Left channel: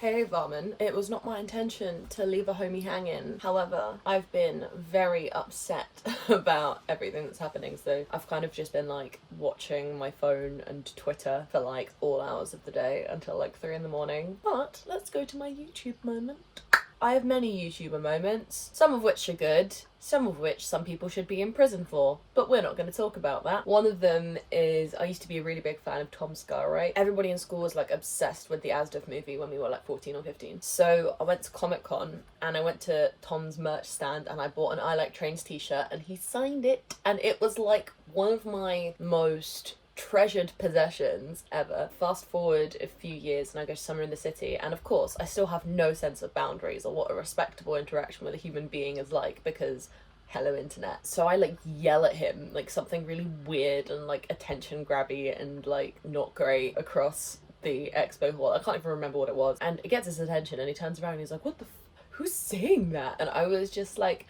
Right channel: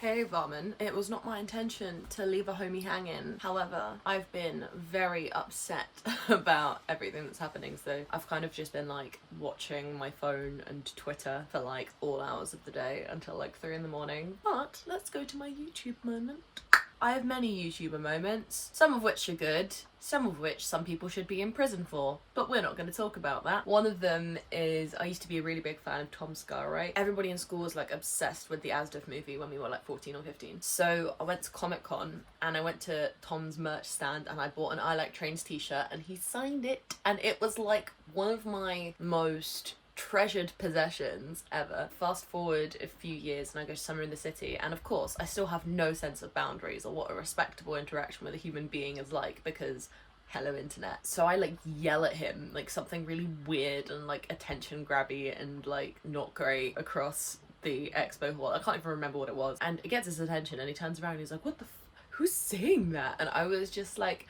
Hey Varman, it was not my intention to leave a homie hanging. However, I've been very upset about everything that's happening, so I've kind of just been like watching my phone and Twitter for like all hours of the day until like 3 in the morning. But let's go to my YouTube moment. I have many YouTuber moments, some of which are good, some of which some people should be in prison for, but we're not going to talk about that. One of them is, I used to be a really big fan of Tom Scarright. Everybody in school was like obsessed with the Asdaf movie when we were like 14 or 15. So I went to Comic Con and I went to Tom's merch stand and I bought an I Like Trains t-shirt and he signed it, and it was like one of my most treasured possessions ever. Fast forward a few years and I go to Summer in the City, and of course I still have no sense of boundaries or what a respectable interaction with a human being is like, because hello internet. So I like yell at him like something really weird and like attention grabby and like not great across the expo hall. I can't even remember what it was, and it gets his attention and he turns around and he's like, what the who's saying that? And I was just like,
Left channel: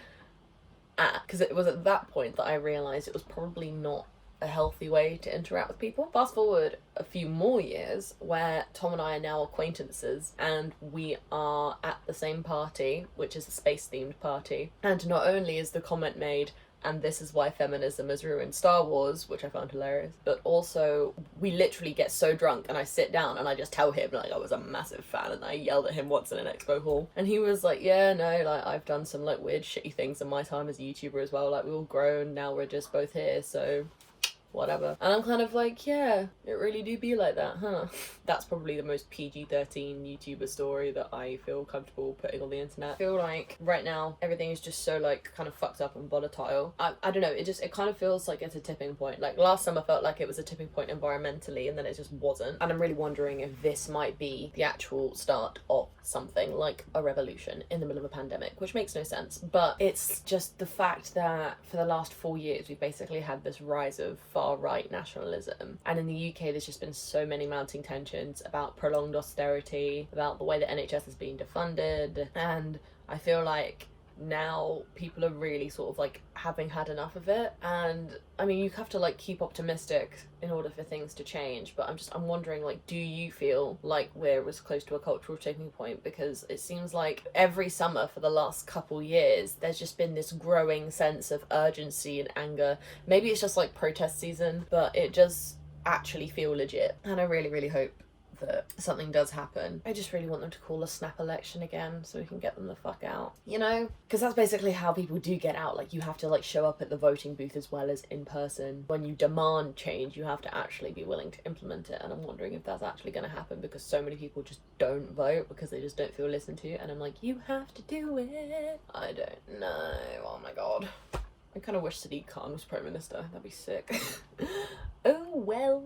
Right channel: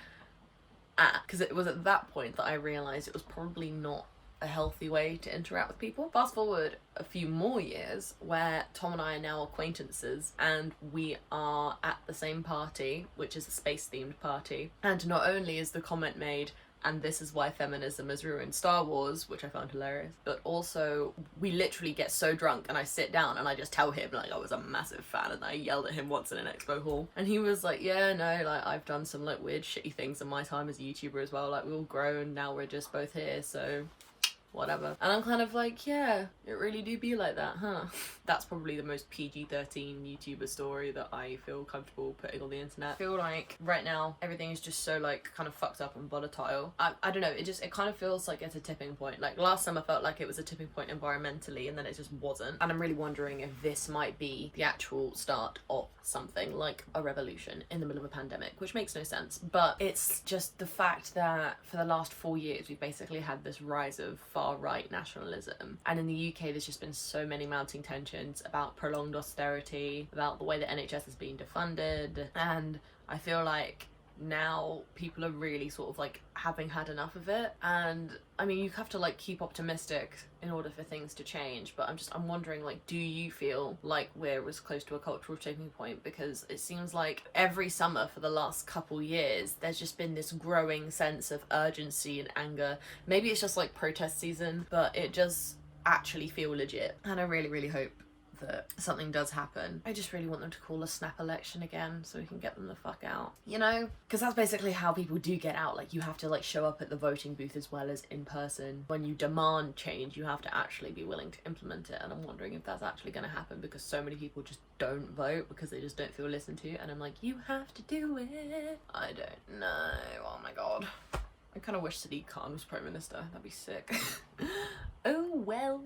because it was at that point that I realized it was probably not a healthy way to interact with people. Fast forward a few more years where Tom and I are now acquaintances and we are at the same party, which is a space themed party. And not only is the comment made, and this is why feminism has ruined Star Wars, which I found hilarious, but also we literally get so drunk and I sit down and I just tell him like I was a massive fan, and I yelled at him once in an expo hall and he was like, yeah, no, like I've done some like weird shitty things in my time as a YouTuber as well, like we all grown, now we're just both here, so whatever. And I'm kind of like, yeah, it really do be like that, huh? That's probably the most PG-13 YouTuber story that I feel comfortable putting on the internet. I feel like right now everything is just so like kind of fucked up and volatile. I don't know, it kind of feels like it's a tipping point. Like last summer felt like it was a tipping point environmentally and then it just wasn't. And I'm really wondering if this might be the actual start of something like a revolution in the middle of a pandemic, which makes no sense. But it's just the fact that for the last 4 years we've basically had this rise of far-right nationalism, and in the UK there's just been so many mounting tensions about prolonged austerity, about the way the NHS is being defunded, and I feel like now people are really sort of like having had enough of it. And I mean, you have to like keep optimistic in order for things to change, but I'm wondering, like, do you feel like we're as close to a cultural tipping point? Because it seems like every summer for the last couple years there's just been this growing sense of urgency and anger. Maybe it's just like protest season, but it does actually feel legit, and I really hope that something does happen. I just really want them to call a snap election again so we can get them the fuck out, you know? Because that's basically how people do get out. Like, you have to like show up at the voting booth as well as in person. When you demand change, you have to actually be willing to implement it, and I'm wondering if that's actually going to happen, because so many people just don't vote because they just don't feel listened to, and I'm like, you have to do it. I don't know. Oh my god. I kind of wish Sadiq Khan was Prime Minister. That'd be sick. Oh well.